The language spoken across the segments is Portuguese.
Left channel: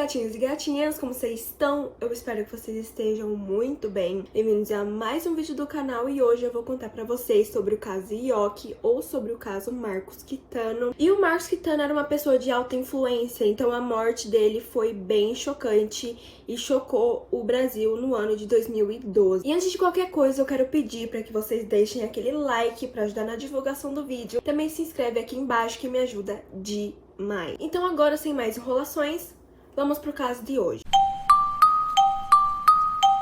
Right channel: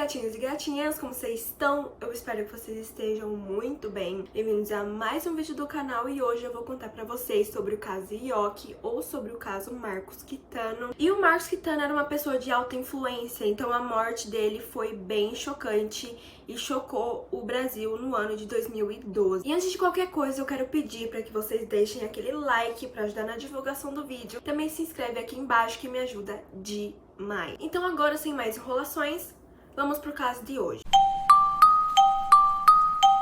gatinhos e gatinhas, como vocês estão? Eu espero que vocês estejam muito bem. Bem-vindos a mais um vídeo do canal e hoje eu vou contar pra vocês sobre o caso Yoki ou sobre o caso Marcos Kitano. E o Marcos Kitano era uma pessoa de alta influência, então a morte dele foi bem chocante e chocou o Brasil no ano de 2012. E antes de qualquer coisa, eu quero pedir para que vocês deixem aquele like para ajudar na divulgação do vídeo. Também se inscreve aqui embaixo que me ajuda demais. Então agora, sem mais enrolações, vamos pro caso de hoje.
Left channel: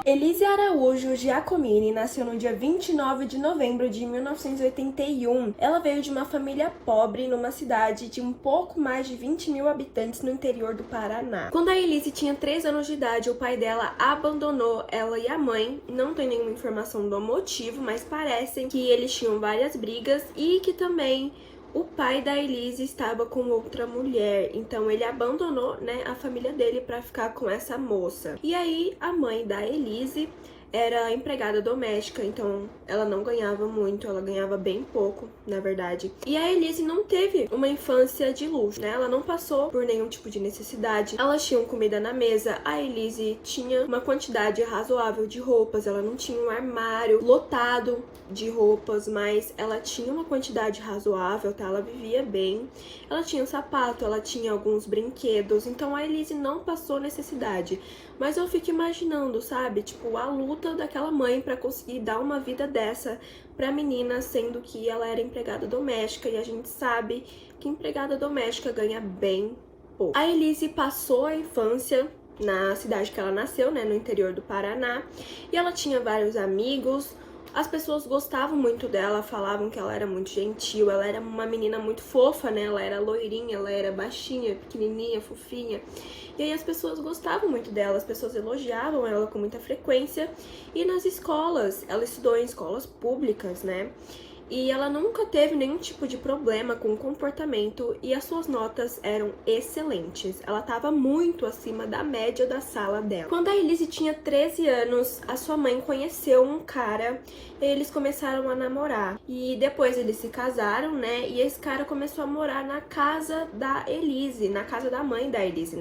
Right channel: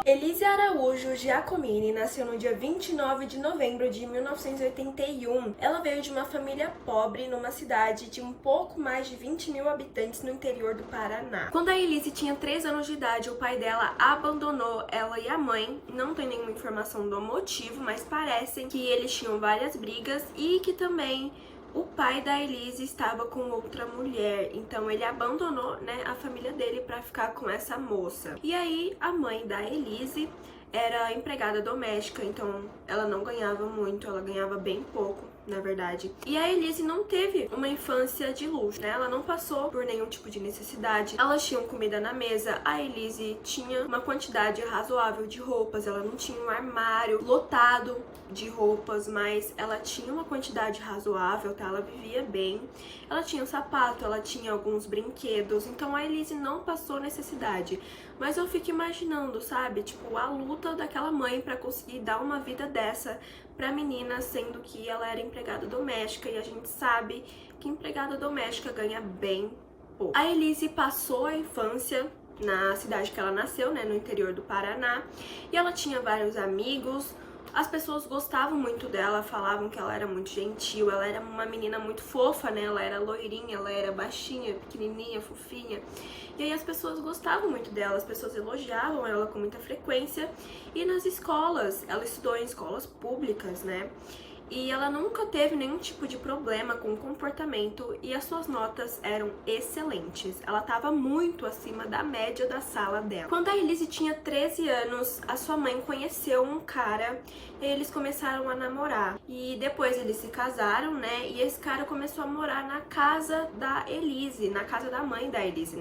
Elise Araújo Giacomini nasceu no dia 29 de novembro de 1981. Ela veio de uma família pobre numa cidade de um pouco mais de 20 mil habitantes no interior do Paraná. Quando a Elise tinha 3 anos de idade, o pai dela abandonou ela e a mãe. Não tem nenhuma informação do motivo, mas parece que eles tinham várias brigas e que também o pai da Elise estava com outra mulher, então ele abandonou, a família dele para ficar com essa moça. E aí a mãe da Elise era empregada doméstica, então ela não ganhava muito, ela ganhava bem pouco, na verdade. E a Elise não teve uma infância de luxo, Ela não passou por nenhum tipo de necessidade. Elas tinham comida na mesa, a Elise tinha uma quantidade razoável de roupas, ela não tinha um armário lotado de roupas, mas ela tinha uma quantidade razoável, Ela vivia bem. Ela tinha um sapato, ela tinha alguns brinquedos, então a Elise não passou necessidade. Mas eu fico imaginando, sabe? Tipo, a luta daquela mãe pra conseguir dar uma vida dessa pra menina, sendo que ela era empregada doméstica e a gente sabe que empregada doméstica ganha bem pouco. A Elise passou a infância na cidade que ela nasceu, no interior do Paraná, e ela tinha vários amigos. As pessoas gostavam muito dela, falavam que ela era muito gentil, ela era uma menina muito fofa, Ela era loirinha, ela era baixinha, pequenininha, fofinha. E aí as pessoas gostavam muito dela, as pessoas elogiavam ela com muita frequência. E nas escolas, ela estudou em escolas públicas, E ela nunca teve nenhum tipo de problema com o comportamento e as suas notas eram excelentes. Ela estava muito acima da média da sala dela. Quando a Elise tinha 13 anos, a sua mãe conheceu um cara e eles começaram a namorar. E depois eles se casaram, E esse cara começou a morar na casa da Elise, na casa da mãe da Elise,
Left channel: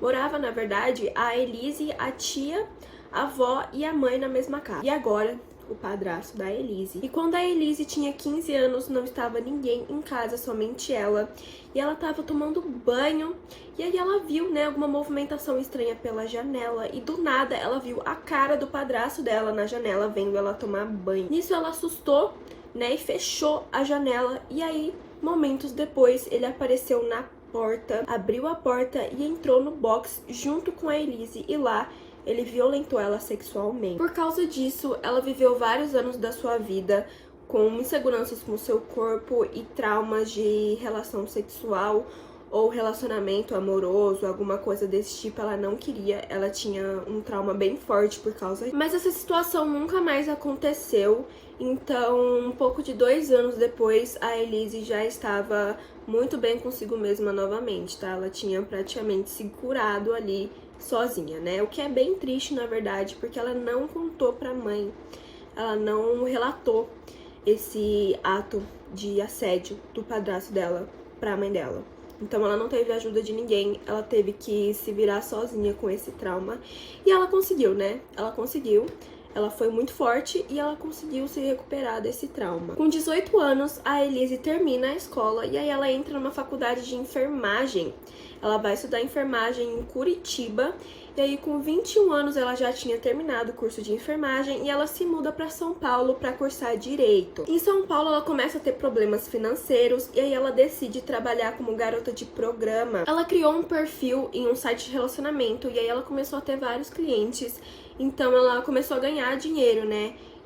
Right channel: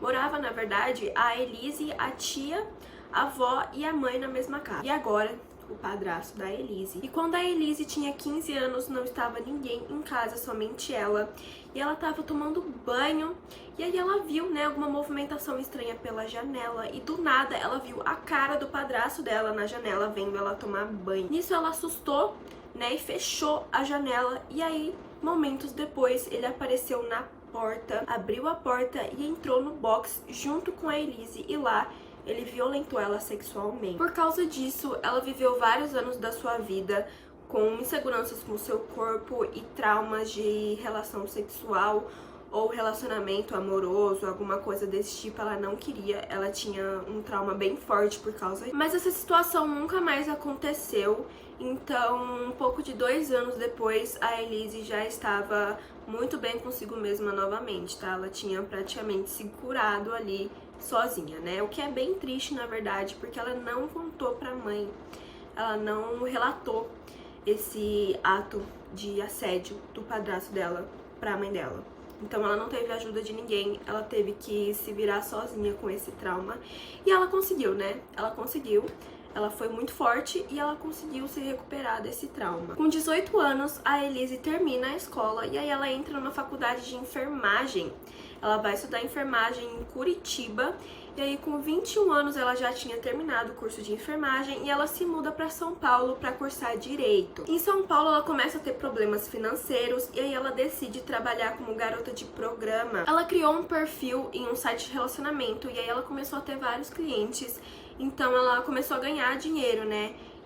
Morava, na verdade, a Elise, a tia, a avó e a mãe na mesma casa. E agora o padrasto da Elise. E quando a Elise tinha 15 anos, não estava ninguém em casa, somente ela. E ela estava tomando banho, e aí ela viu, alguma movimentação estranha pela janela. E do nada, ela viu a cara do padrasto dela na janela, vendo ela tomar banho. Nisso, ela assustou, e fechou a janela. E aí, momentos depois, ele apareceu na porta, abriu a porta e entrou no box junto com a Elise. E lá, ele violentou ela sexualmente. Por causa disso, ela viveu vários anos da sua vida com inseguranças com seu corpo e traumas de relação sexual ou relacionamento amoroso, alguma coisa desse tipo. Ela não queria, ela tinha um trauma bem forte por causa disso. Mas essa situação nunca mais aconteceu, então um pouco de 2 anos depois, a Elise já estava muito bem consigo mesma novamente, Ela tinha praticamente se curado ali sozinha, O que é bem triste, na verdade, porque ela não contou pra mãe, ela não relatou esse ato de assédio do padrasto dela pra mãe dela. Então ela não teve ajuda de ninguém, ela teve que se virar sozinha com esse trauma. E ela conseguiu, Ela conseguiu. Ela foi muito forte e ela conseguiu se recuperar desse trauma. Com 18 anos, a Elise termina a escola e aí ela entra numa faculdade de enfermagem. Ela vai estudar enfermagem em Curitiba. E aí, com 21 anos, ela já tinha terminado o curso de enfermagem e ela se muda para São Paulo para cursar Direito. Em São Paulo, ela começa a ter problemas financeiros e aí ela decide trabalhar como garota de programa. Ela criou um perfil em um site de relacionamento e aí ela começou a ter vários clientes. Então, ela começou a ganhar dinheiro,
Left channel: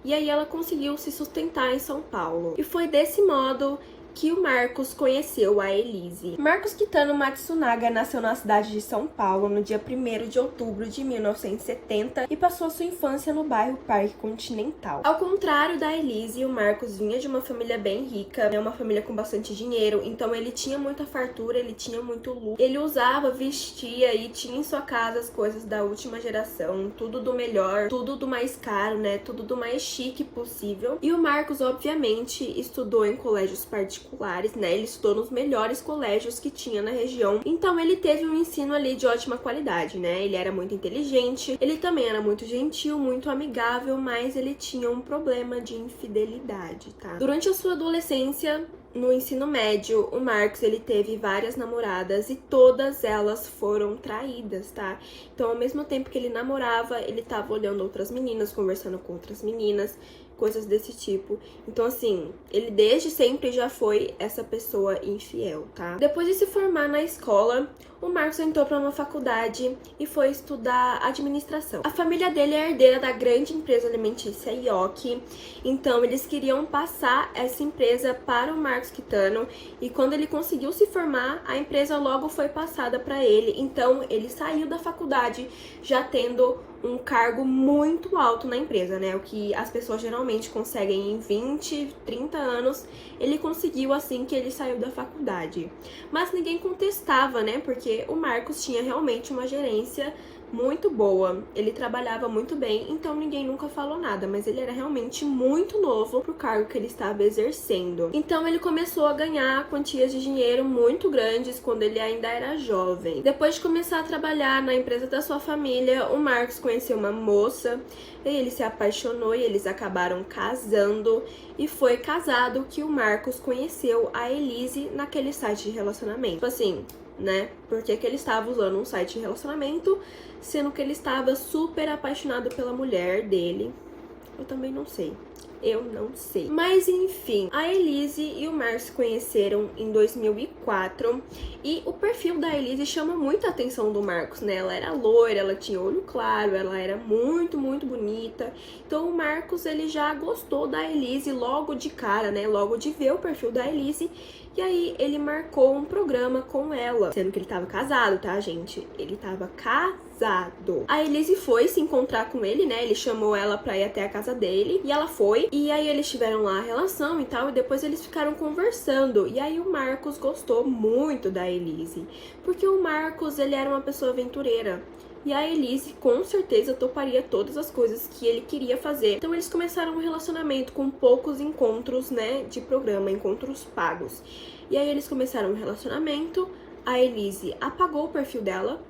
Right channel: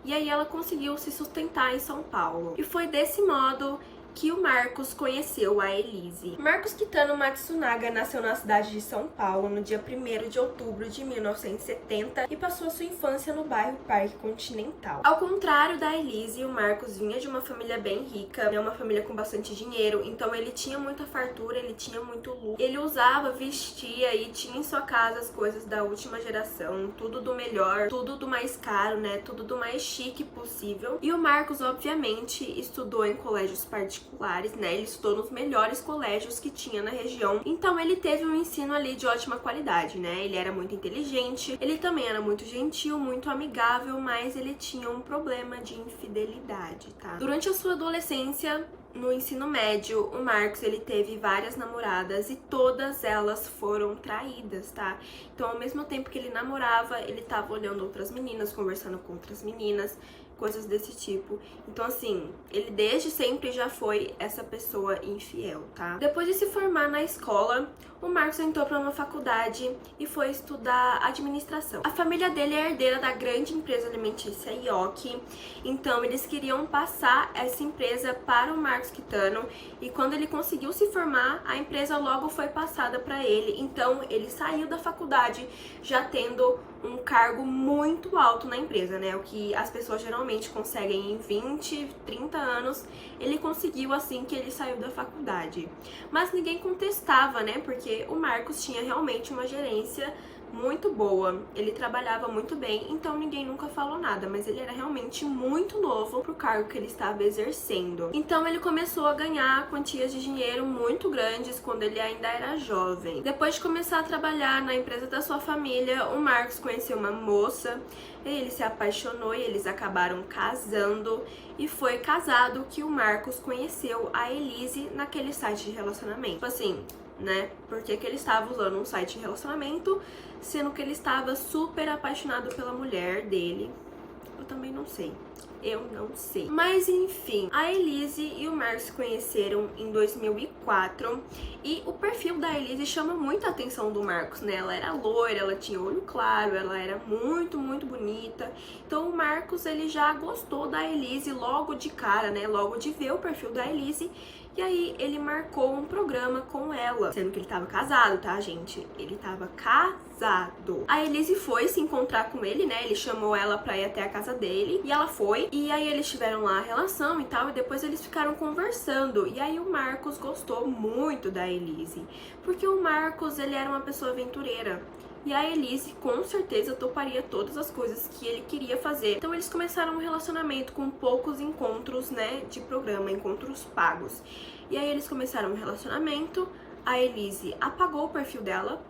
E aí, ela conseguiu se sustentar em São Paulo. E foi desse modo que o Marcos conheceu a Elise. Marcos Kitano Matsunaga nasceu na cidade de São Paulo no dia 1º de outubro de 1970 e passou a sua infância no bairro Parque Continental. Ao contrário da Elise, o Marcos vinha de uma família bem rica, uma família com bastante dinheiro, então ele tinha muita fartura, ele tinha muito luxo. Ele usava, vestia e tinha em sua casa as coisas da última geração, tudo do melhor, tudo do mais caro, tudo do mais chique possível. E o Marcos, obviamente, estudou em colégios particulares particulares, né? Ele estudou nos melhores colégios que tinha na região. Então ele teve um ensino ali de ótima qualidade, né? Ele era muito inteligente, ele também era muito gentil, muito amigável, mas ele tinha um problema de infidelidade, tá? Durante a sua adolescência, no ensino médio, o Marcos, ele teve várias namoradas e todas elas foram traídas, tá? Então, ao mesmo tempo que ele namorava, ele tava olhando outras meninas, conversando com outras meninas, coisas desse tipo. Então, assim, ele desde sempre já foi essa pessoa infiel, tá? Depois de se formar na escola, o Marcos entrou para uma faculdade e foi estudar administração. A família dele é herdeira da grande empresa alimentícia Yoki, então eles queriam passar essa empresa para o Marcos Quitano, e quando ele conseguiu se formar, a empresa logo foi passada para ele. Então ele saiu da faculdade já tendo um cargo muito alto na empresa, né? O que as pessoas geralmente conseguem em 20, 30 anos, ele conseguiu assim que ele saiu da faculdade. Mas ninguém contestava, né? Porque o Marcos tinha realmente uma gerência muito boa, ele trabalhava muito bem, então ninguém nunca falou nada, mas ele era realmente muito novo pro cargo que ele estava exercendo. Então ele começou a ganhar quantias de dinheiro muito grandes quando ele ainda era jovem. Depois de começar a trabalhar na empresa da sua família, o Marcos conheceu uma moça, e ele se apaixonou e eles acabaram casando, e foi casado que o Marcos conheceu a Elise naquele site de relacionamento. Tipo assim, né? Porque que ele estava usando um site de relacionamento, sendo que ele estava super apaixonado pela mulher dele. Eu também não sei. Eu não sei. Mas enfim, a Elise e o Marcos se conheceram em 2004 e o perfil da Elise chama muita atenção do Marcos, né? Ela era loira, ela tinha olho claro, ela era muito, muito bonita. Então o Marcos, ele já gostou da Elise logo de cara, né? Logo de ver o perfil da Elise. E aí ele marcou um programa com ela, sendo que ele tava casado, tá, gente? Ele tava casado. A Elise foi se encontrar com ele, né? Ele chamou ela pra ir até a casa dele e ela foi. E aí eles tiveram lá a relação e tal, e depois eles ficaram conversando. E aí o Marcos gostou muito da Elise, porque o Marcos, ele era uma pessoa aventureira. E a Elise, com certeza, toparia todas as coisas que ele queria fazer. Então eles começaram um relacionamento com poucos encontros, né, de programa, encontros pagos. E aí eles começaram um relacionamento, a Elise apagou o perfil dela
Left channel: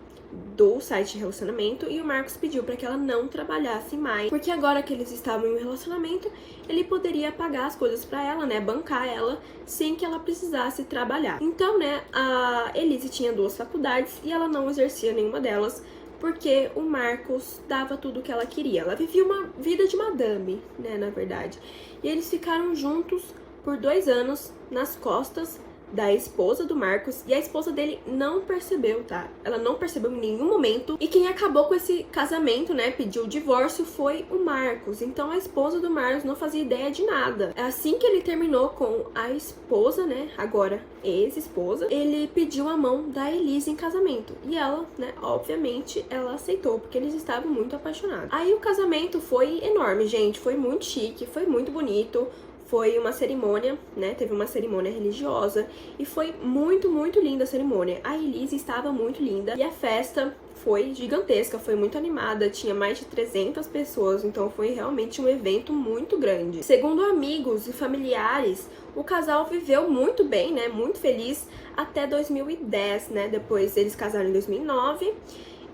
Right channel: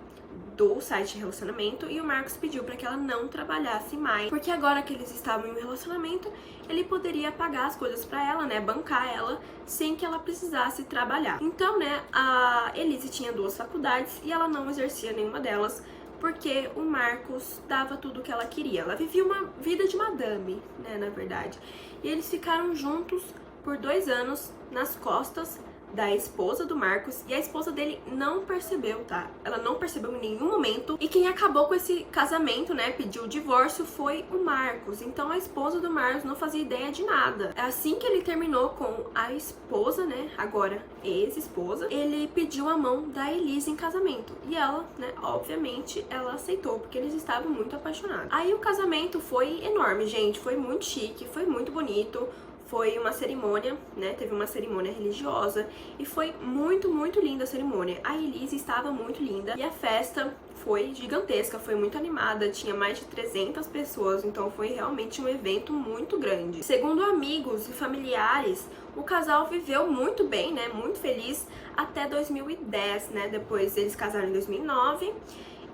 do site de relacionamento e o Marcos pediu para que ela não trabalhasse mais, porque agora que eles estavam em um relacionamento, ele poderia pagar as coisas para ela, né, bancar ela sem que ela precisasse trabalhar. Então, né, a Elise tinha 2 faculdades e ela não exercia nenhuma delas, porque o Marcos dava tudo o que ela queria. Ela vivia uma vida de madame, né, na verdade. E eles ficaram juntos por 2 anos nas costas da esposa do Marcos, e a esposa dele não percebeu, tá? Ela não percebeu em nenhum momento, e quem acabou com esse casamento, né, pediu o divórcio, foi o Marcos. Então a esposa do Marcos não fazia ideia de nada. Assim que ele terminou com a esposa, né, agora ex-esposa, ele pediu a mão da Elise em casamento, e ela, né, obviamente ela aceitou, porque eles estavam muito apaixonados. Aí o casamento foi enorme, gente, foi muito chique, foi muito bonito. Foi uma cerimônia, né? Teve uma cerimônia religiosa e foi muito, muito linda a cerimônia. A Elise estava muito linda e a festa foi gigantesca, foi muito animada, tinha mais de 300 pessoas, então foi realmente um evento muito grande. Segundo amigos e familiares, o casal viveu muito bem, né? Muito feliz até 2010, né? Depois eles casaram em 2009.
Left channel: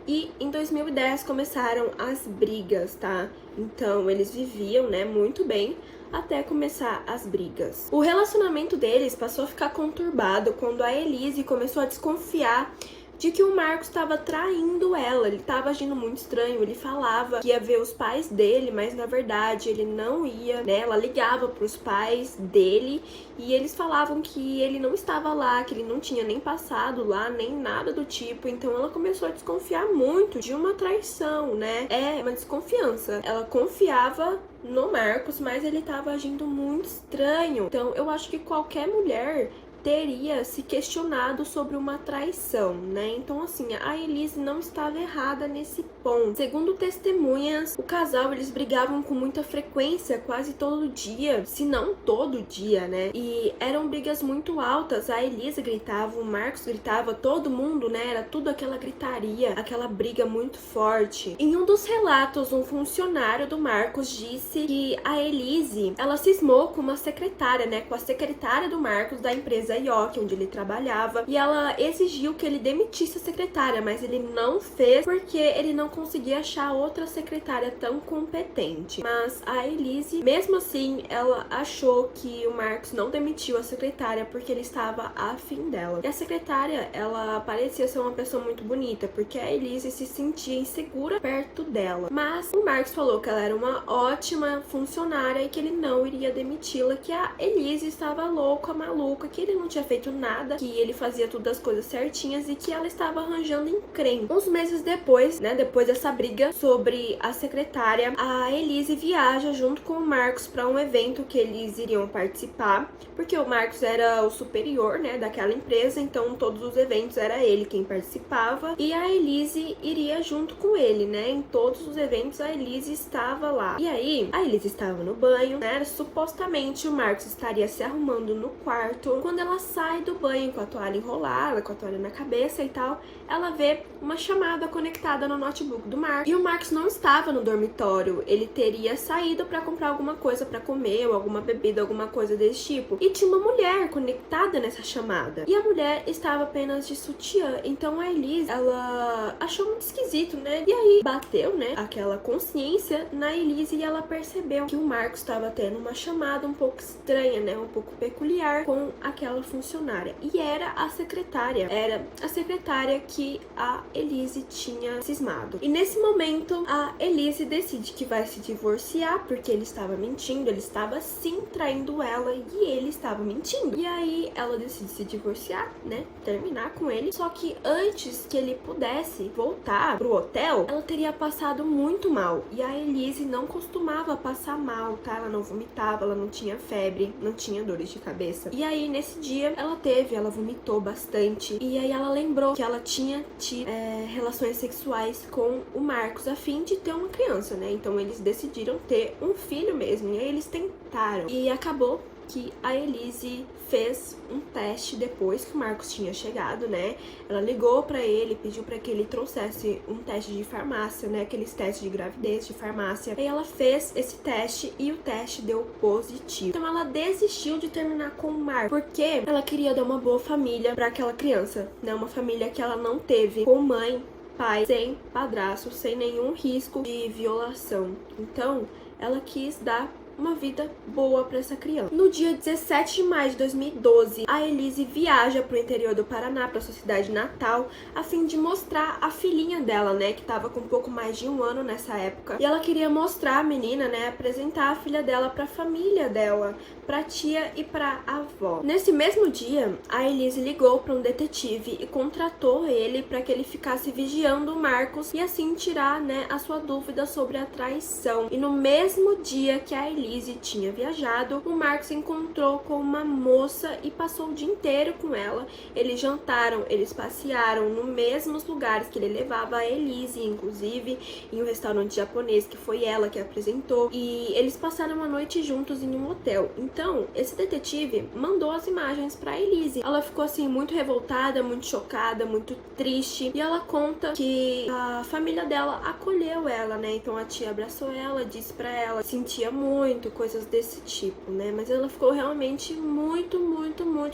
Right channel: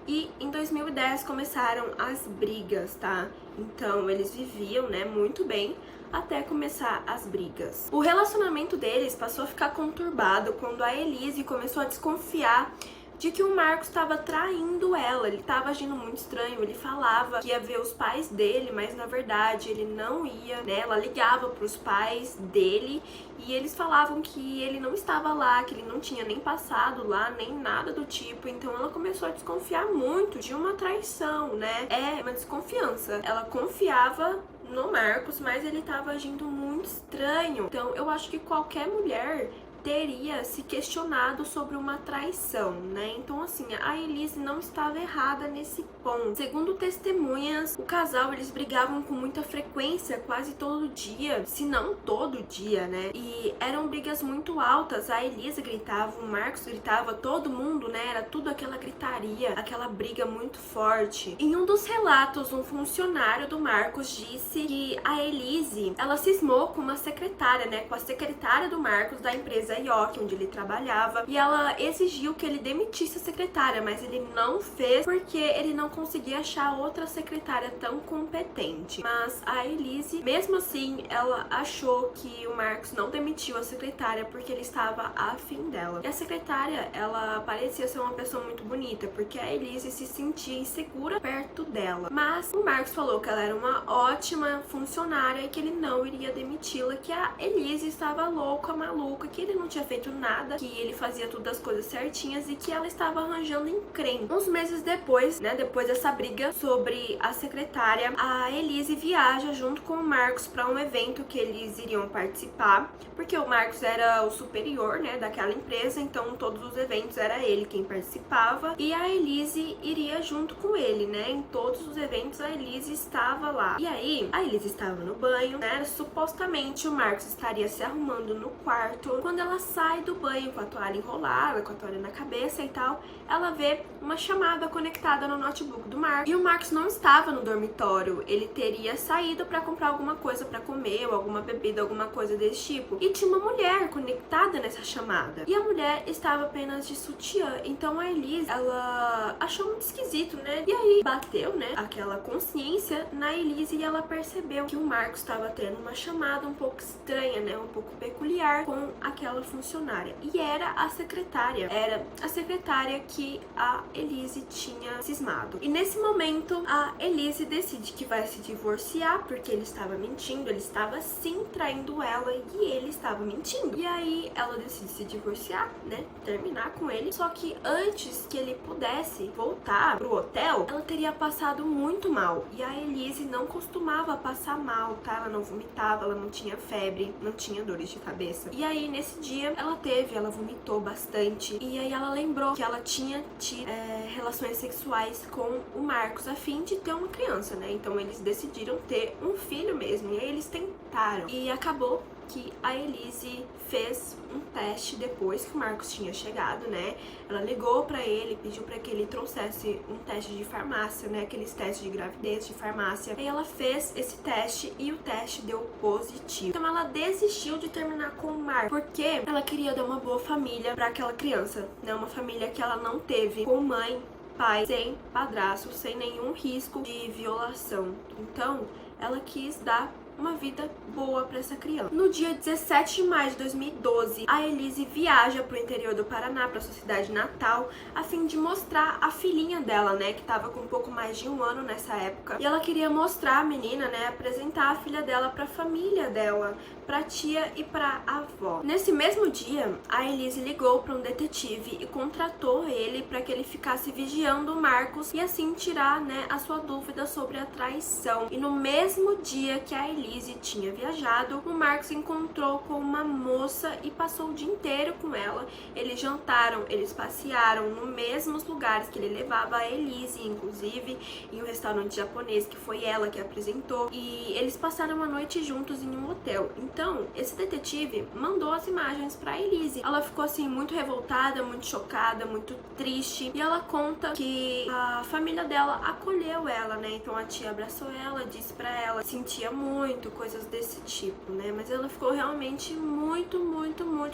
E em 2010 começaram as brigas, tá? Então eles viviam, né, muito bem até começar as brigas. O relacionamento deles passou a ficar conturbado quando a Elise começou a desconfiar de que o Marcos estava traindo ela, ele estava agindo muito estranho, ele falava que ia ver os pais dele, mas na verdade ele não ia, né? Ela ligava para os pais dele e eles falavam que ele não estava lá, que ele não tinha nem passado lá, nem nada do tipo. Então ela começou a desconfiar muito de uma traição, né? É uma desconfiança. Ela confiava no Marcos, mas ele estava agindo muito estranho. Então eu acho que qualquer mulher teria se questionado sobre uma traição, né? Então, assim, a Elise não estava errada nesse ponto. Segundo testemunhas, o casal, eles brigavam com muita frequência, quase todo dia, se não todo dia, né? E eram brigas muito altas, a Elise gritava, o Marcos gritava, todo mundo, né? Era tudo aquela gritaria, aquela briga muito forte. Em um dos relatos, um funcionário do Marcos disse que a Elise, ela cismou com uma secretária, né? Com a secretária do Marcos, da empresa IOC, onde ele trabalhava, e ela exigiu que ele demitisse a secretária, mas ele não fez porque ele não conseguia achar outra secretária tão competente. Mas a Elise, mesmo assim, ela achou que o Marcos não demitiu a secretária porque ele estava afim dela. E a secretária, ela parecia ser uma pessoa muito bonita, porque a Elise se sentia insegura perto dela. Mas o Marcos falou que ela era uma ótima funcionária e que ele não iria demiti-la, que a Elise estava louca, maluca, que ele não tinha feito nada, que ele fazia tudo as coisas certinhas e que ela estava arranjando encrenca. Uns meses depois, né, depois dessa briga sobre a secretária, a Elise viaja junto com o Marcos para um evento que eles iriam participar, porque o Marcos era o superior, né, daquela empresa, então todos os eventos era ele quem participava e a Elise iria junto com ele, né, em todos os eventos a Elise estava lá. E aí, a Elise estava no banho, né, supostamente o Marcos estaria se arrumando no quarto. Quando ela sai do banho com a toalha enrolada, com a toalha na cabeça e tal, ela vê uma chamada conectada no notebook do Marcos. E o Marcos não estava no dormitório, ele teria saído para comprar alguma coisa para comer, ou alguma bebida, alguma coisa desse tipo. E tinha uma mulher conectada nessa chamada. E a mulher estava apenas de sutiã. Então a Elise, ela achou muito esquisito, né? E aí bateu, né, aquela consciência na Elise e ela percebeu que o Marcos estava tendo uma chamada um pouco estranha, né, um pouco peculiar com aquela funcionária. E era a secretária que a Elise tinha cismado. E nesse momento, a Elise decide que vai se divorciar, porque ele estava mentindo, ele estava sim traindo ela e ele estava mentindo. E aí ela decide se divorciar, né, terminar com ele. Só que antes que ele pudesse voltar pro hotel, ela teria passado muito mal. E a Elise não costumava passar mal, tá? Ela não vomitava, ela não tinha febre, não tinha dores de cabeça. E aí nesse dia ela vomitou bastante. E aí ela lembrou que ela tinha tido relações sexuais com o Marcos a fim de ter uma criança, né? Então eles decidiram ter um filho mesmo. E aí eles tentaram. E acabou que a Elise fez um teste depois que o Marcos tinha chegado, né? Ela ligou pra ele, pediu pra que ele trouxesse um teste de farmácia, né? Aqueles testes de gravidez de farmácia. E ela fez esse teste e o teste deu positivo. Então ela desistiu de terminar com o Marcos porque ela queria dar uma boa família pra aquela criança, né? Uma família que ela não teve com mãe, pai, sem padrasto, sem nenhum risco de violação. Então ela quis dar uma vida boa para essa criança. No dia 17 de maio de 2012, a Elise viaja pro interior do Paraná, para sua cidade natal, a fim de mostrar a filhinha dela, né, que tava com um pouco mais de um ano nessa época. E ela queria mostrar a menina, né, apresentar a filha dela pra família dela, pra tia e pra avó. Nesse mesmo dia, a Elise ligou para um detetive e contratou ele para que ele ficasse vigiando o Marcos e assim tirar, né, a sua dúvida sobre a traição. E no mesmo dia que a Elise tinha viajado, o Marcos encontrou com uma moça e passou o dia inteiro com ela. Eles jantaram, eles passearam nos mesmos lugares que ele levava a Elise, inclusive em um restaurante japonês que foi ela que apresentou. E eles passaram a noite juntos em um hotel. Então, esse detetive mandou as imagens pra Elise. Ela ficou assim muito revoltada, muito chocada, muito triste. E ela conta que a família dela acolheu ela, né? Então a tia abraçou ela, disse pra ela que sentia muito, coisas desse tipo, né? Mas ela ficou realmente muito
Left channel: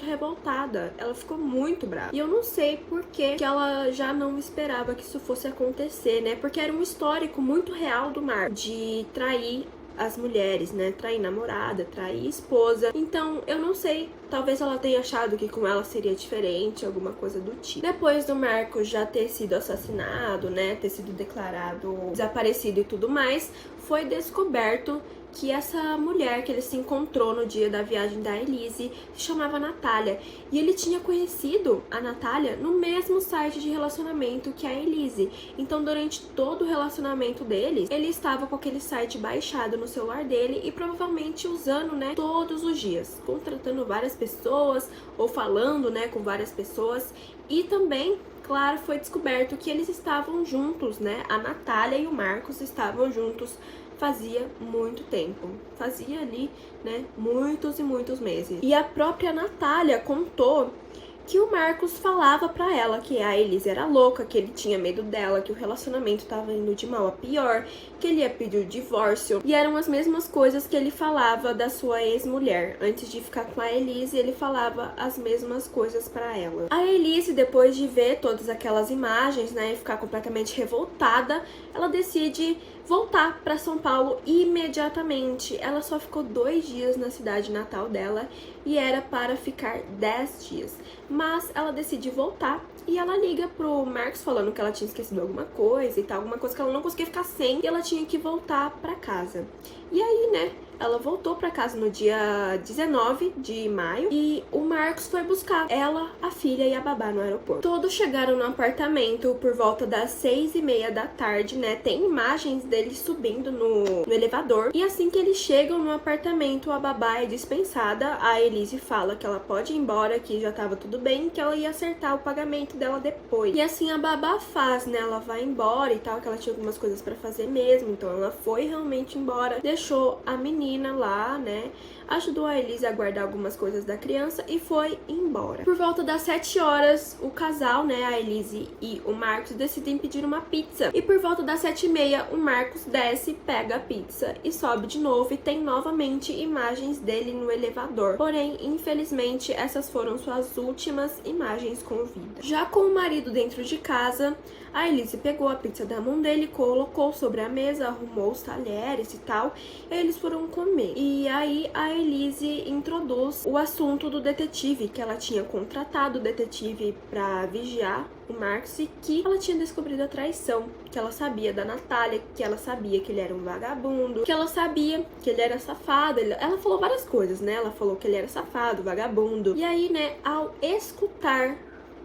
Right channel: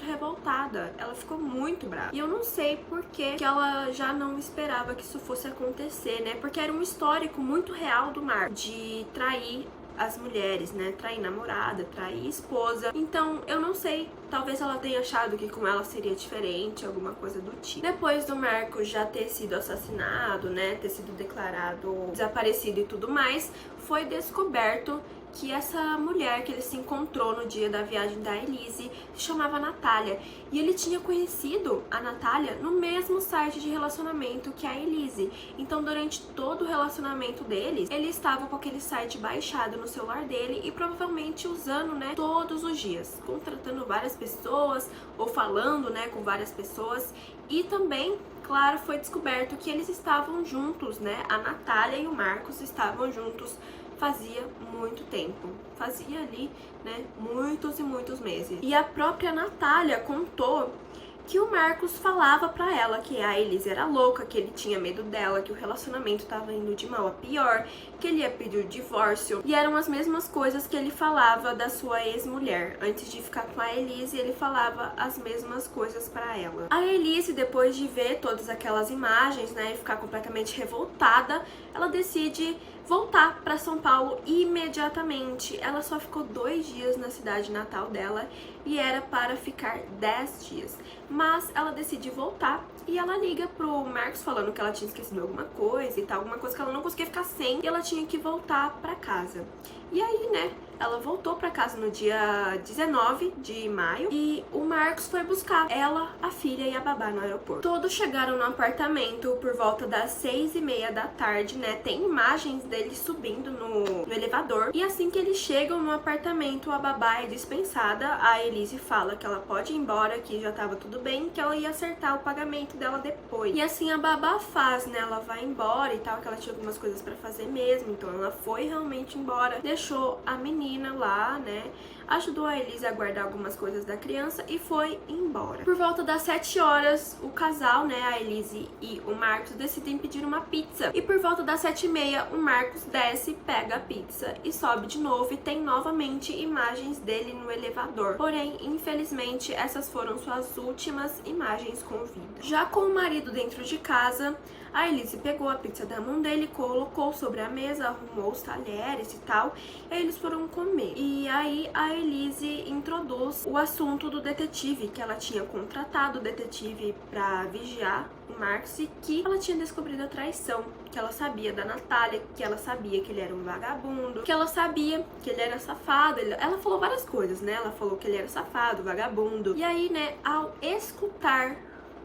revoltada. Ela ficou muito brava. E eu não sei por que ela já não esperava que isso fosse acontecer, né? Porque era um histórico muito real do Marcos de trair as mulheres, né? Trair namorada, trair esposa. Então, eu não sei. Talvez ela tenha achado que com ela seria diferente, alguma coisa do tipo. Depois do Marcos já ter sido assassinado, né? Ter sido declarado desaparecido e tudo mais, foi descoberto que essa mulher que ele se encontrou no dia da viagem da Elise se chamava Natália. E ele tinha conhecido a Natália no mesmo site de relacionamento que a Elise. Então, durante todo o relacionamento deles, ele estava com aquele site baixado no celular dele e provavelmente usando, né, todos os dias, contratando várias pessoas ou falando, né, com várias pessoas. E também, claro, foi descoberto que eles estavam juntos, né? A Natália e o Marcos estavam juntos fazia muito tempo. Fazia ali, né, muitos e muitos meses. E a própria Natália contou que o Marcos falava pra ela que a Elise era louca, que ele tinha medo dela, que o relacionamento tava indo de mal a pior, que ele ia pedir o divórcio. E eram as mesmas coisas que ele falava da sua ex-mulher. Antes de ficar com a Elise, ele falava as mesmas coisas pra ela. A Elise, depois de ver todas aquelas imagens, né, e ficar completamente revoltada, ela decide voltar para São Paulo imediatamente. Ela só ficou 2 dias na cidade natal dela e era para ficar 10 dias. Mas ela decide voltar e ela liga pro Marcos falando que ela tinha esquecido alguma coisa e tal, alguma coisa que ela não conseguia ficar sem e ela tinha que voltar para casa. E aí, né, ela voltou para casa no dia 19 de maio e o Marcos foi buscar ela, a filha e a babá no aeroporto. Todos chegaram no apartamento por volta das 6:30 da tarde, né? Tem imagens deles subindo no elevador. E assim que eles chegam no apartamento, a babá é dispensada. A Elise fala que ela pode ir embora, que já tava tudo bem, que ela ia acertar o pagamento dela depois. E assim a babá faz, né? Ela vai embora e tal, que ela tinha algumas coisas pra fazer mesmo. Então ela foi realmente embora, deixou a menina lá, né? Ajudou a Elise a guardar algumas coisas da criança e foi embora. Por volta das 7 horas, o casal, né, a Elise e o Marcos, decidem pedir uma pizza. E por volta das 7:30, o Marcos desce, pega a pizza e sobe de novo e tem novamente imagens dele no elevador. Porém, infelizmente, essas foram suas últimas imagens com vida. Já com o marido dentro de casa, a Elise pegou a pizza da mão dele, colocou sobre a mesa, arrumou os talheres e tal, e eles foram comer. E aí a Elise introduz o assunto do detetive, que ela tinha contratado o detetive pra vigiar o Marcos e que ela tinha descobrido a traição, que ela sabia da Natália, que ela sabia que ele era um vagabundo, que ela sabia que ele era safado. Ela falou várias coisas, né? Ela falou que ele era safado, vagabundo. E aí, né, ao escutar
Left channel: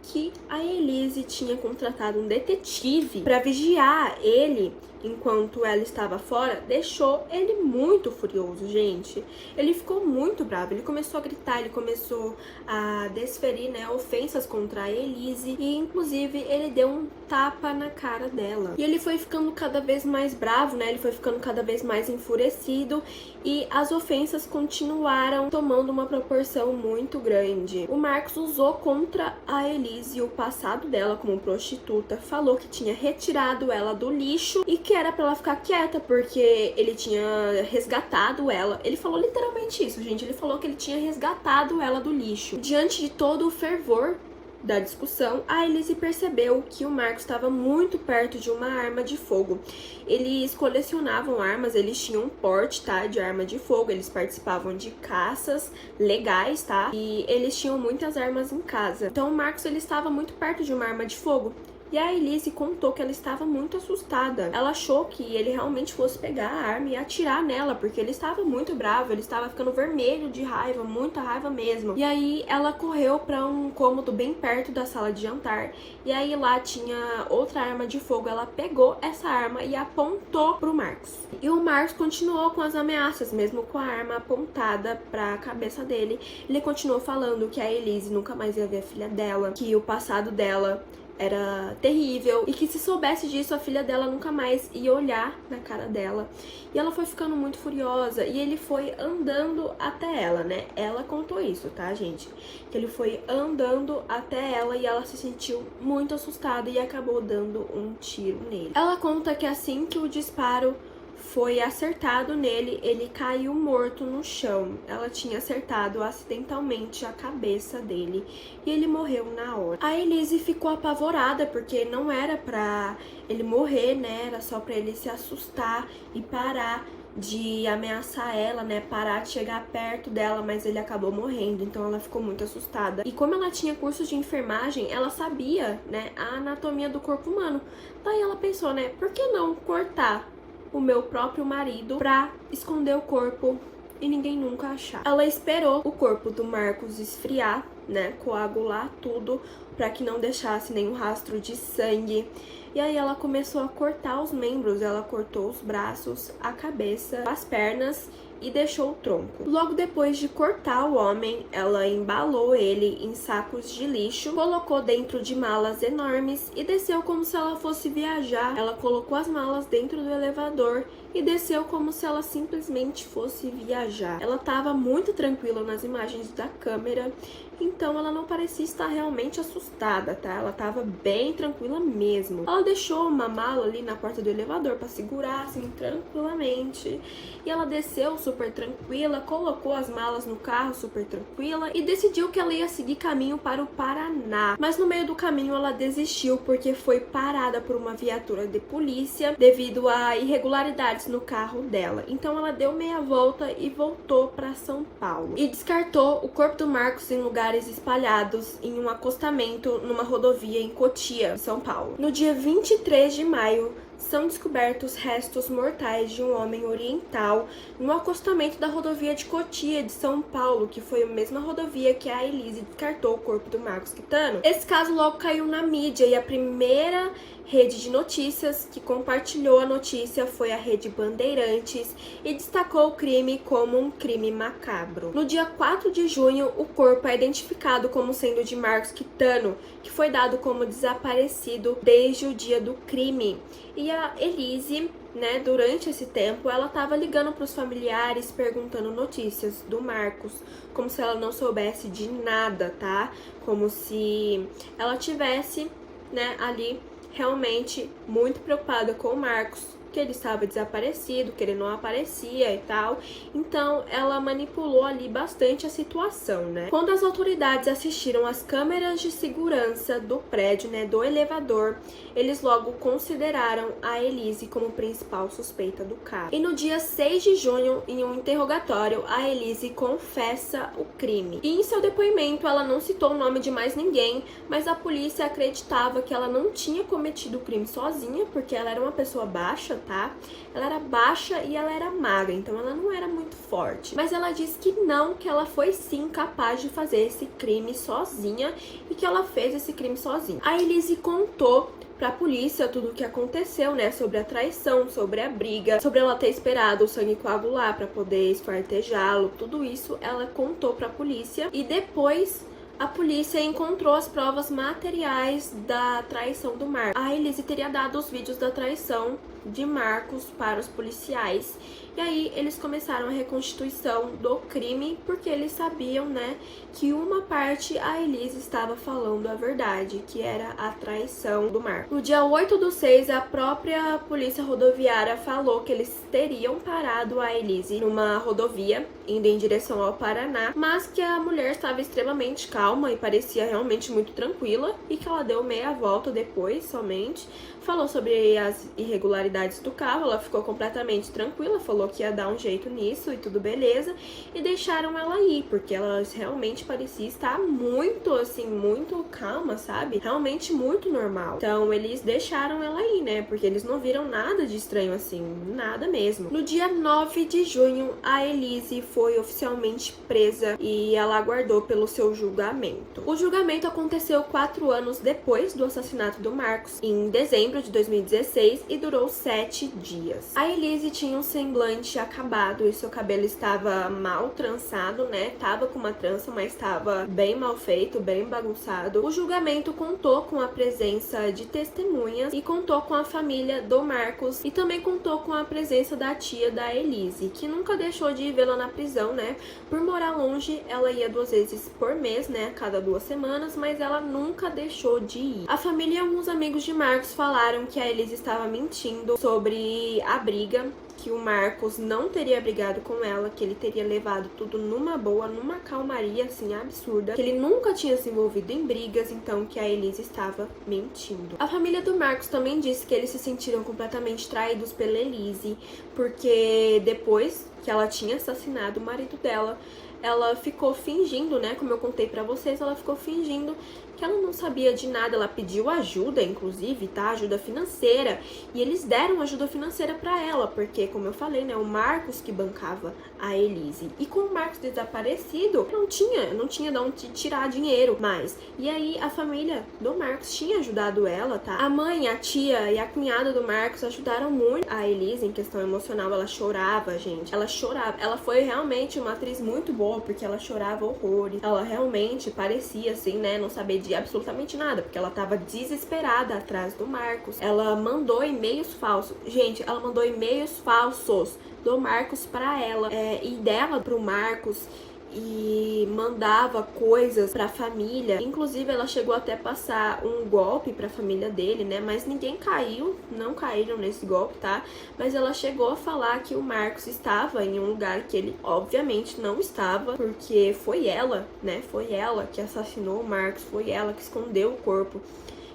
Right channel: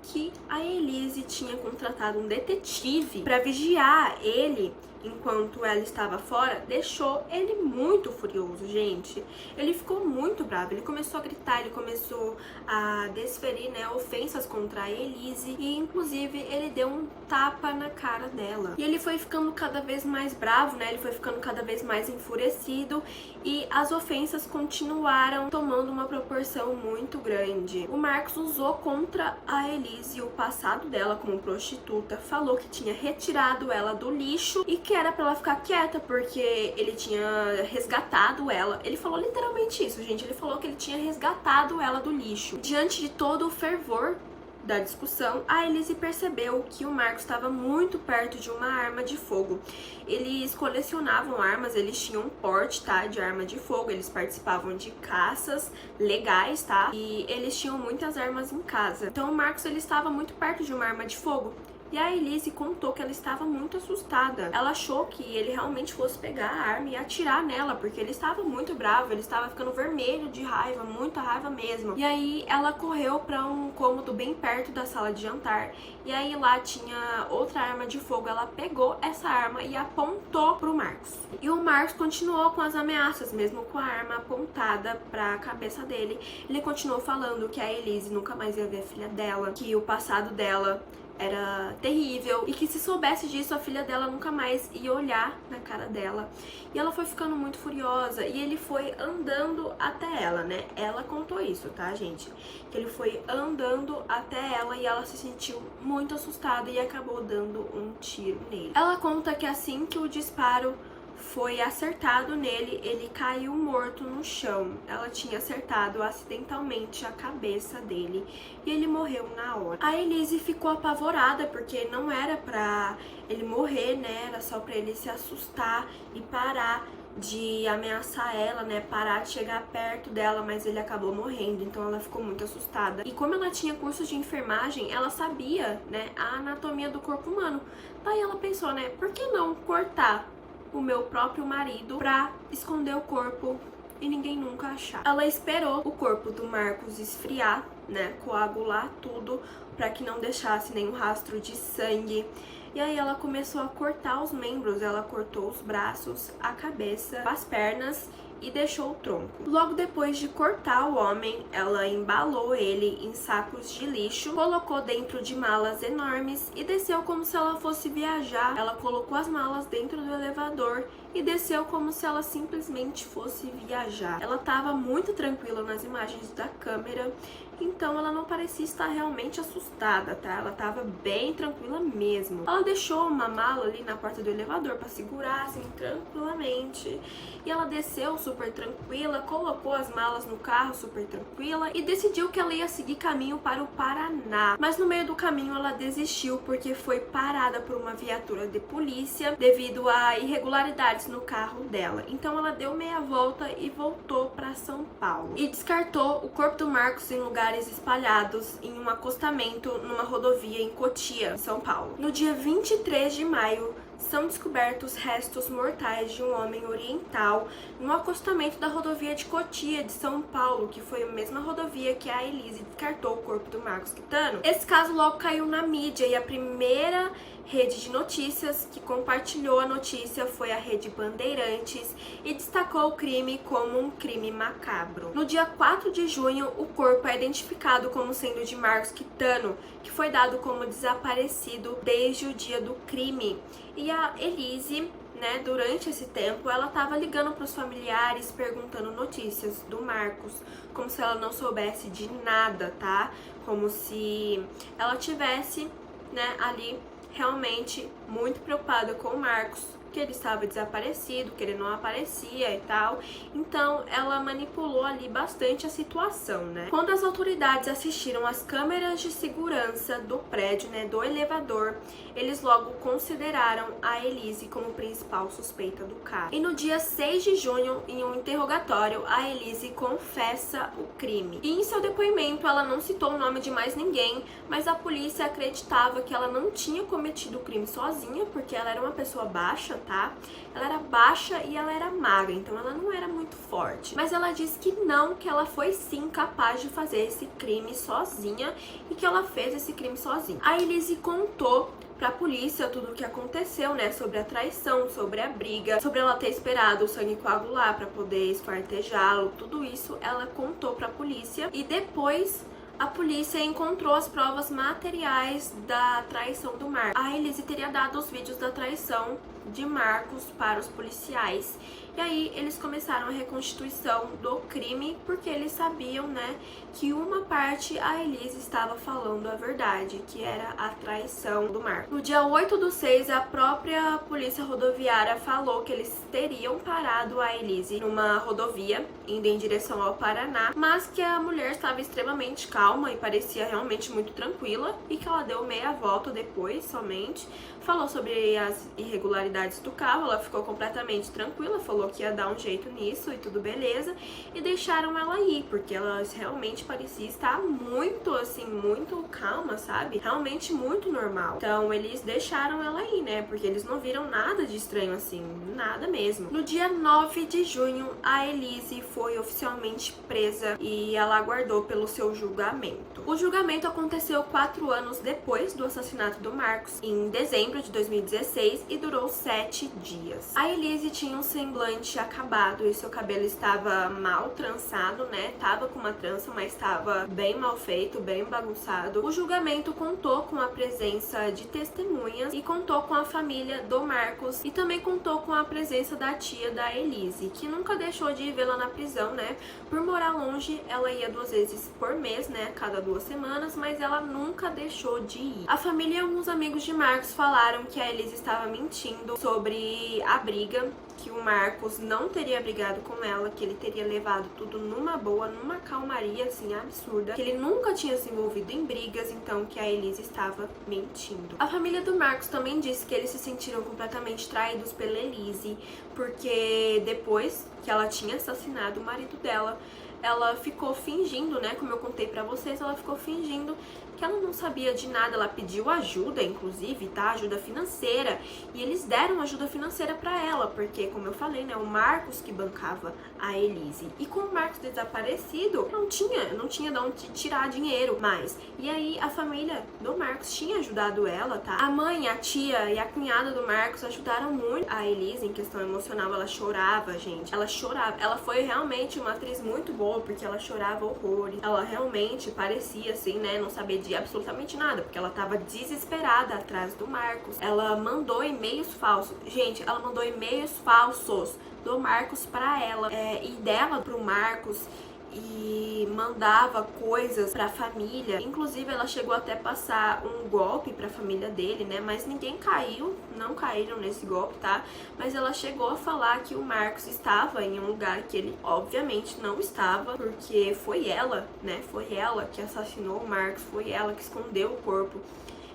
que a Elise tinha contratado um detetive para vigiar ele enquanto ela estava fora, deixou ele muito furioso, gente. Ele ficou muito bravo, ele começou a gritar, ele começou a desferir, né, ofensas contra a Elise e inclusive ele deu um tapa na cara dela. E ele foi ficando cada vez mais bravo, né, ele foi ficando cada vez mais enfurecido e as ofensas continuaram tomando uma proporção muito grande. O Marcos usou contra a Elise o passado dela como prostituta, falou que tinha retirado ela do lixo e que era pra ela ficar quieta, porque ele tinha resgatado ela. Ele falou literalmente isso, gente. Ele falou que ele tinha resgatado ela do lixo. Diante de todo o fervor da discussão, a Elise percebeu que o Marcos estava muito perto de uma arma de fogo. Eles colecionavam armas, eles tinham um porte, tá, de arma de fogo, eles participavam de caças legais, tá, e eles tinham muitas armas em casa. Então o Marcos, ele estava muito perto de uma arma de fogo. E a Elise contou que ela estava muito assustada. Ela achou que ele realmente fosse pegar a arma e atirar nela, porque ele estava muito bravo, ele estava ficando vermelho de raiva, muita raiva mesmo. E aí ela correu para um cômodo bem perto da sala de jantar. E aí lá tinha outra arma de fogo. Ela pegou essa arma e apontou pro Marcos. E o Marcos continuou com as ameaças, mesmo com a arma apontada pra cabeça dele. Ele continuou falando que a Elise nunca mais ia ver a filha dela, que o passado dela era terrível e que se soubesse disso a filha dela nunca mais ia olhar na cara dela. E ela foi ficando muito furiosa e ele foi andando até ela, né? Ela contou isso, tá, gente? Que ele foi andando até ela e ela se sentiu muito assustada e acabou dando um tiro nele. Ela conta que assim que o disparo foi acertado nele, ele caiu morto no chão. Ela tinha acertado acidentalmente a cabeça dele e ele morreu na hora. A Elise ficou apavorada porque não era pra ele morrer, né? Era só pra ele se assustar e parar de ameaçar ela, né, parar de chegar perto dela, mas ele acabou morrendo, então ela ficou muito assustada. E como ela tinha cursos de enfermagem, ela sabia, né, a anatomia do corpo humano. Daí ela pensou, né, por que não cortar o meu próprio marido pra esconder o corpo e ninguém nunca achar. Ela esperou o corpo do Marcos esfriar, né, coagular tudo pra que não deixasse nenhum rastro de sangue. E aí ela começou a cortar os membros, ela cortou os braços, a cabeça, as pernas e deixou o tronco. Logo depois de cortar o homem, ela embalou ele em sacos de lixo, colocou dentro de malas enormes e desceu como se ela fosse viajar. Ela colocou as malas dentro do elevador e desceu como se ela simplesmente fosse viajar. Ela estava muito tranquila nas imagens da câmera, então ela não parecia estar realmente assustada, tá? Ela estava bem tranquila mesmo. Ela deixou uma mala ali na porta do elevador para segurar assim tranquilamente. E ela desceu super tranquila, colocou as malas no carro super tranquila e decidiu que ela ia seguir caminho para o Paraná. Mas no meio do caminho ela desistiu porque foi parada por uma viatura de polícia devido a irregularidades no carro dela. Então ela deu meia volta e voltou para São Paulo. E descartou o corpo do Marcos em lugares espalhados em um acostamento numa rodovia em Cotia, São Paulo. No dia 23 de maio, são descobertos restos mortais de um homem oriental no acostamento da rodovia de Cotia, de São Paulo, que foi a mesma rodovia que a Elise descartou o corpo do Marcos Quitano. Esse caso logo caiu na mídia e a primeira rede de notícias que compartilhou a notícia foi a Rede Bandeirantes e destacou o crime como um crime macabro. No dia 4 de junho, o corpo é identificado como sendo de Marcos Quitano, que foi dado como desaparecido desde o dia do crime. E a Elise, né, durante esse tempo, ela estava ligando para os familiares, perguntando notícias do Marcos, como se ela não soubesse de nada, tá? Como se ela tivesse, né, ali realmente muito preocupada com o Marcos, que ele estava desaparecido, que ele não aparecia e tal. Então ela manipulou ali bastante a situação, né? Quando as autoridades assistiram às câmeras de segurança do prédio, né, do elevador, eles logo consideraram a Elise como principal suspeita do caso. E no dia 6 de junho, em um interrogatório, a Elise confessa o crime. E em seu depoimento, ela não citou o nome de mais ninguém, mas a polícia acreditava que ela não tinha cometido o crime sozinha, porque ela era uma pessoa baixa, tá? Ela era baixa e ela era magra, então ela não era muito forte. Mas ela disse que não, que ela foi sim capaz de fazer esse crime sozinha e que ela fez esse crime sozinha. A Elise contou pra polícia tudo o que aconteceu, né, sobre a traição, sobre a briga, sobre ela ter esperado o sangue coagular pra poder esquartejá-lo, tudo isso ela contou pra polícia e depois a polícia encontrou as provas materiais da traição do Marcos. A Elise teria dado os vídeos da traição de Marcos para os policiais. E aí eles começaram a reconstituição do crime, porque eles sabiam, né, que uma parte a Elise estava falando a verdade, que era a traição do Marcos. No dia 8/6, a própria polícia rodoviária falou que eles teriam parado a Elise numa rodovia, indo em direção ao Paraná, mas que a mulher estava extremamente calma e parecia realmente muito tranquila, e que ela deu meia volta depois somente, falou sobre as irregularidades do carro, ela ficou completamente tranquila, falou que ia dar um jeito nisso e tudo beleza, e deixaram ela ir, porque ela realmente parecia estar muito, assim, muito calma, sabe? Realmente muito normal. Então, eles deixaram ela ir, né? Porque eles não viram nada de estranho, assim, nada mesmo. No dia 9 de junho, a Elise foi oficialmente presa e ela aguardou pelo seu julgamento. O julgamento aconteceu 4 anos depois do assassinato do Marcos, em dezembro de 2016, e durou 7 dias. A Elise tinha um semblante acabado e seu cabelo estava mal trançado, né? Tava com uma trança, mas estava bem mal feito, bem bagunçado. O julgamento contou com a presença de testemunhas e contou com a família do Marcos e também contou com a presença da tia da Elise, que nunca deixou de vê-la na prisão, né? Por morar longe, ela ia 2 vezes por mês, né? A cada 2 semanas, mas ela nunca deixou de ir. A família e alguns amigos de Marcos falaram que a Elise estava mentindo sobre a briga, que o Marcos não teria brigado com ela, que ele teria levado tudo numa boa, numa calmaria, assim, absurda, que ele nunca tinha se envolvido em brigas, então que a Elise estava mentindo. A família do Marcos também disse que eles se sentiram completamente traídos pela Elise, porque depois que ela tinha assassinado o marido dela, ela ficou fingindo, né, como eu contei pra vocês, ela ficou fingindo que ela não sabia de nada. Ela pediu ajuda, inclusive, tá? Ajuda financeira. E eles deram ajuda financeira pra ela, porque, como eu falei, né? O Marcos que bancava a Elise. E com o Marcos desaparecido, não tinha de onde tirar dinheiro mais. E aí, a família do Marcos tinha ajudado ela, tá? A mãe, a tia e a cunhada do Marcos ajudaram muito a Elise em questão emocional. Ela chorava, gente. Ela chorava. Ela foi realmente uma atriz muito boa, porque ela chorava horrores. Ela realmente parecia, assim, né? Não saber de absolutamente nada, porque ela tava desesperada atrás do Marcos. Ela mandou e-mails falsos. Gente, ela mandou e-mails falsos do Marcos pra ela, e dela pro Marcos, e mandava coisas pra família. Inclusive, ela chegou até a passar um golpe pra família dele, né? Mas ninguém caiu, não caíram nesse golpe, tá? Mas ela chegou a falar que o Marcos estava em um lugar que ele, obviamente, não estava, porque foi ela, né? Foi ela que assassinou o Marcos, foi ela que escondeu o corpo.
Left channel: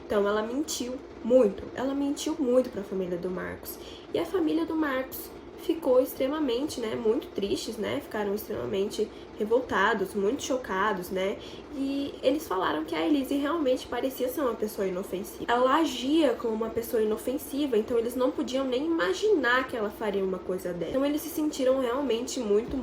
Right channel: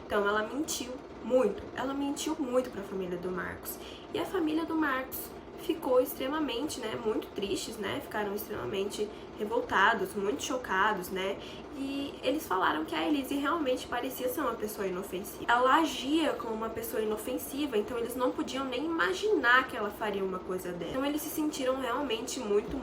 Então, ela mentiu muito pra família do Marcos. E a família do Marcos ficou extremamente, né, muito tristes, né, ficaram extremamente revoltados, muito chocados, né, e eles falaram que a Elise realmente parecia ser uma pessoa inofensiva. Ela agia como uma pessoa inofensiva, então eles não podiam nem imaginar que ela faria uma coisa dessa. Então eles se sentiram realmente muito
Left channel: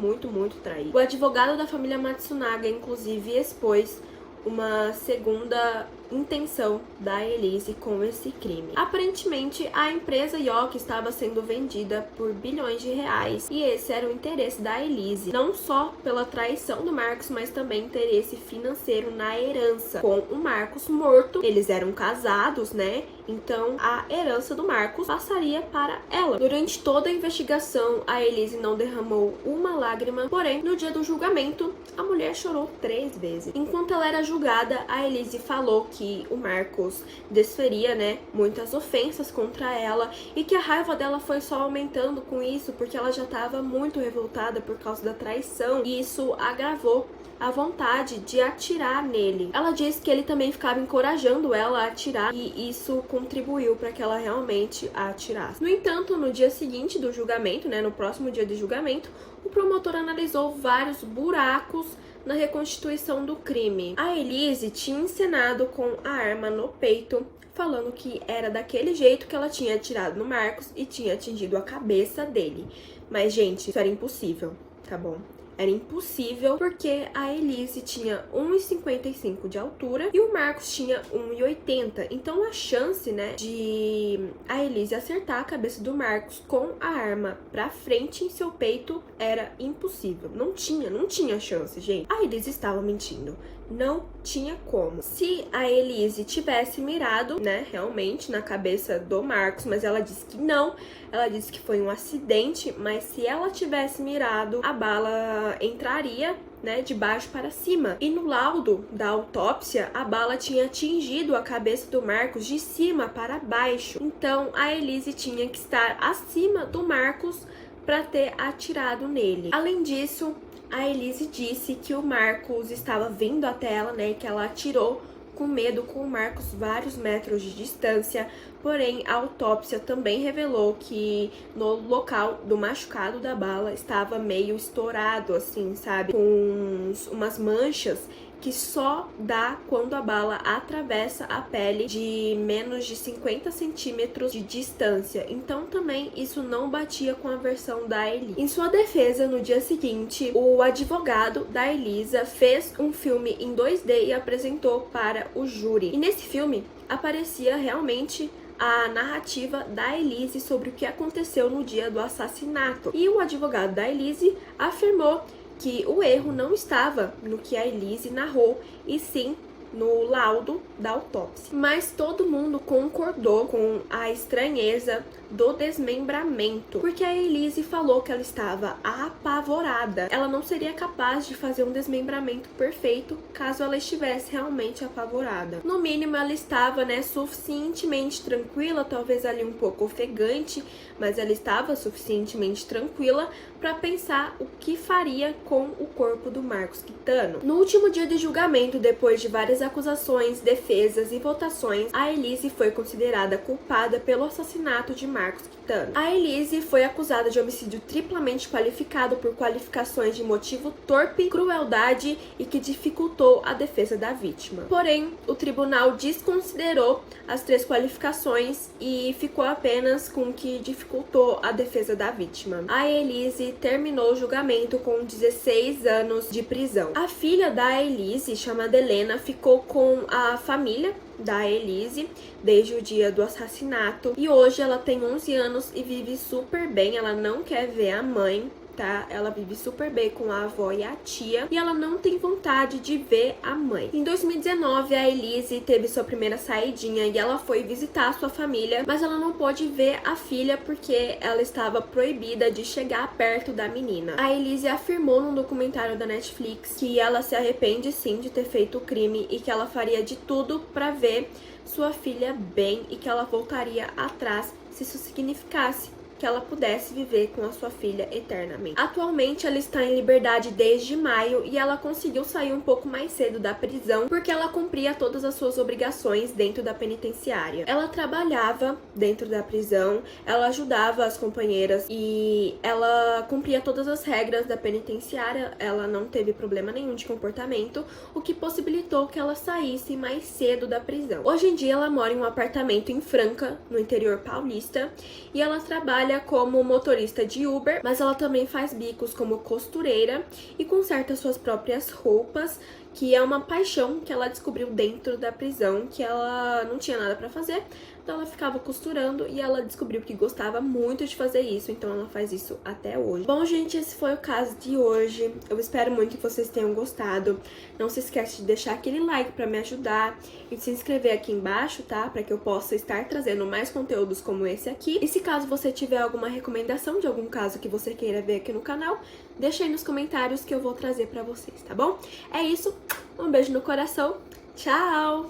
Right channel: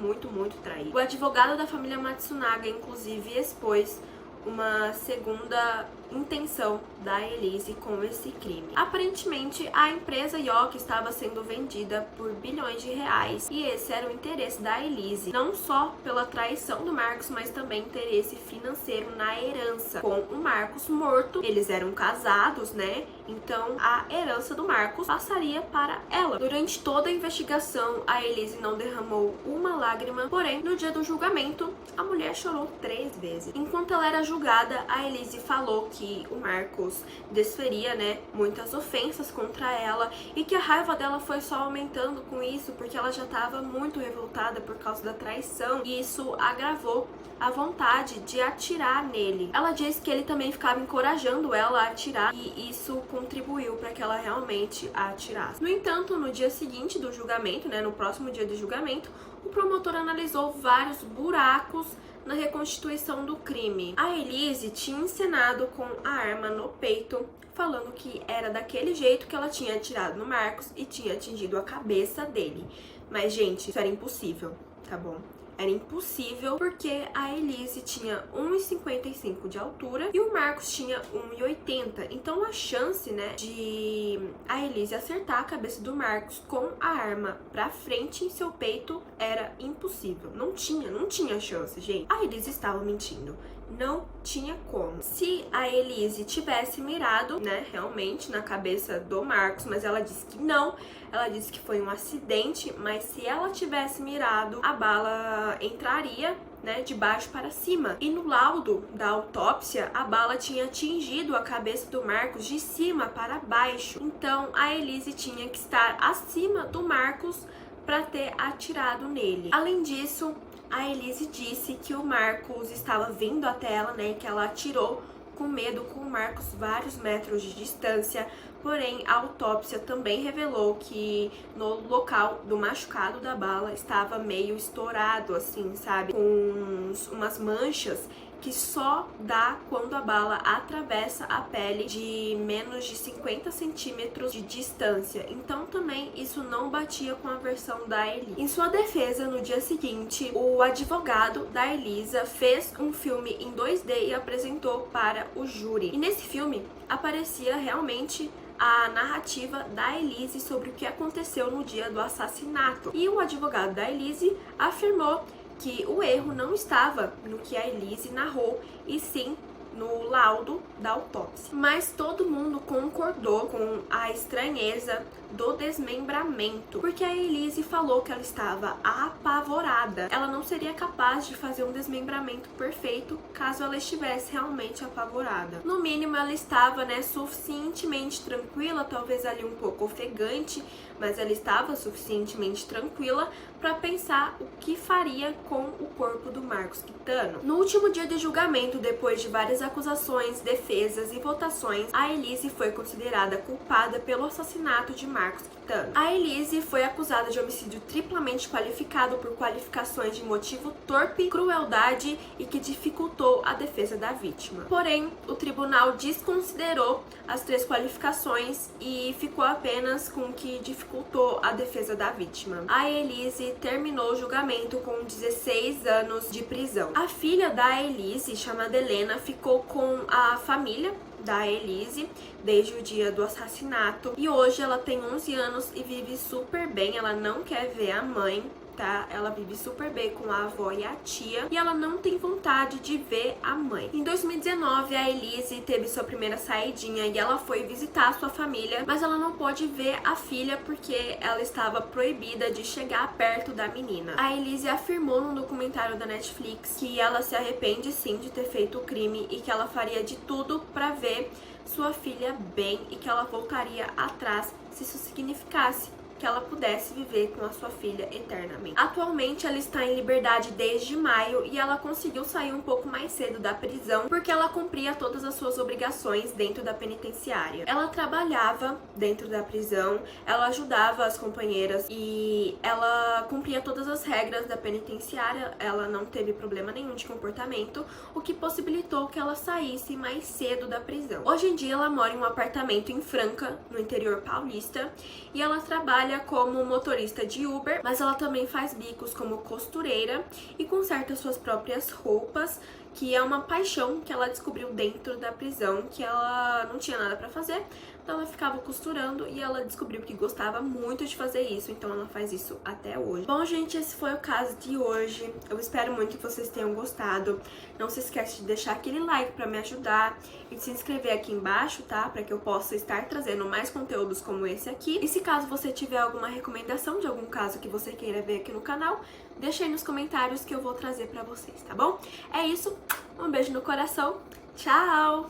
traídos. O advogado da família Matsunaga, inclusive, expôs uma segunda intenção da Elise com esse crime. Aparentemente, a empresa Yoki estava sendo vendida por bilhões de reais, e esse era o interesse da Elise, não só pela traição do Marcos, mas também interesse financeiro na herança. Com o Marcos morto, eles eram casados, né? Então a herança do Marcos passaria para ela. Durante toda a investigação, a Elise não derramou uma lágrima, porém, no dia do julgamento, a mulher chorou 3 vezes. Enquanto ela era julgada, a Elise falou que o Marcos desferia, né, muitas ofensas contra ela, e que a raiva dela foi só aumentando com isso, porque ela já estava muito revoltada por causa da traição, e isso agravou a vontade de atirar nele. Ela disse que ele também ficava encorajando ela a atirar, e isso contribuiu para que ela realmente a atirasse. No entanto, no dia seguinte do julgamento, né, no próximo dia do julgamento, o promotor analisou vários buracos na reconstituição do crime. A Elise tinha encenado com a arma no peito, falando que era daquele jeito que ela tinha atirado no Marcos e tinha atingido a cabeça dele. Mas, gente, isso era impossível, tá bom? Era impossível, porque a Elise tinha 1,55 de altura e o Marcos tinha 1,80. Então a chance, né, de a Elise acertar a cabeça do Marcos com a arma pra frente em seu peito era impossível. Não tinha chance, gente. A Elise estava mentindo. Não tinha como. Se a Elise tivesse mirado, né, realmente na cabeça do Marcos, mas ela disse que não. Ela disse que foi um acidente, mas se ela tivesse mirado, a bala entraria, né, de baixo para cima. E no laudo da autópsia, a bala tinha atingido a cabeça do Marcos de cima para baixo. Então, a Elise tinha que estar acima do Marcos para ter atirado nele. Além disso, a Elise disse que o Marcos estava vindo até ela, né, e que ela atirou com medo com o Marcos vários metros de distância. Porém, a autópsia também revelou que no local do machucado da bala estava meio estourado, assim, sabe? Com umas manchas que só dá quando a bala atravessa a pele de menos de 50 centímetros de distância. Então também isso não batia com a versão da Elisa. Em sua defesa, no dia seguinte, o advogado da Elisa fez um filme em 2D e apresentou para o júri. E nesse filme aparecia realmente a narrativa da Elise sobre o que aconteceu no dia do assassinato. E o advogado da Elise afirmou que o erro não estava no que a Elise narrou, e sim no laudo da autópsia. Mas todo mundo concordou com a estranheza do desmembramento, porque a Elise falou que ela estava apavorada. Ela não seria capaz de fazer um desmembramento perfeito caso ela estivesse realmente apavorada. No mínimo, ela estava, né, suficientemente tranquila, talvez ali um pouco ofegante, mas ela estava suficientemente tranquila para pensar o que faria com o corpo do Marcos Quitano. No último dia de julgamento, depois de várias acusações, defesas e votações, a Elise foi considerada culpada pelo assassinato de Marcos Quitano. A Elise foi acusada de homicídio triplamente qualificado por qualificações de motivo torpe, crueldade e que dificultou a defesa da vítima. Porém, o tribunal desconsiderou as 3 qualificações e ficou apenas com o que dificultou a defesa da vítima. A Elise terminou o julgamento com 16 anos de prisão. A filha da Elise, chamada Helena, ficou com a família da Elise desde o dia do assassinato e hoje ela tem 11 anos e vive super bem. Ela não quer ver a mãe, tá? Ela vive super bem com a avó e a tia e ela não tem vontade de ver a mãe. Em 2019, a Elise teve sua primeira saidinha e ela foi visitar a sua família, mas ela não pôde ver a filha porque ela estava proibida de chegar perto da menina. A Elise afirmou num documentário da Netflix que ela se arrepende sim de ter feito o crime e que ela faria de tudo para ver sua filha bem e que ela voltaria atrás se isso significasse que ela pudesse viver com a sua filha eternamente. Atualmente ela está em liberdade desde maio e ela conseguiu sair um pouco mais cedo da prisão porque ela cumpria todas as suas obrigações dentro da penitenciária. Ela trabalhava dentro da prisão, ela ajudava as companheiras e ela cumpria todas as regras da penitenciária, ela não teve problema nenhum de comportamento, o que possibilitou que ela saísse mais cedo da prisão. Hoje em dia ela mora em um apartamento em Franca, no interior paulista, e ela trabalha como motorista de Uber, mas ela também faz bicos como costureira e conserta suas próprias roupas, que é uma paixão que ela descobriu dentro da prisão, que ela não tinha nada pra fazer, então ela ficava costurando e ela descobriu que gostava muito de fazer isso, então ela faz isso até hoje. Bom, gente, esse foi o caso de hoje. Eu espero muito que vocês tenham gostado. Não se esquece de deixar aquele like pra me ajudar e de se inscrever aqui embaixo, tá? Pra que eu possa estar trazendo mais conteúdos como esse aqui. E se caso você tiver alguma recomendação de algum caso que você queira ver aqui no canal, deixa aí nos comentários que eu vou trazer pra vocês, tá bom? É isso, um beijo no coração, tchau!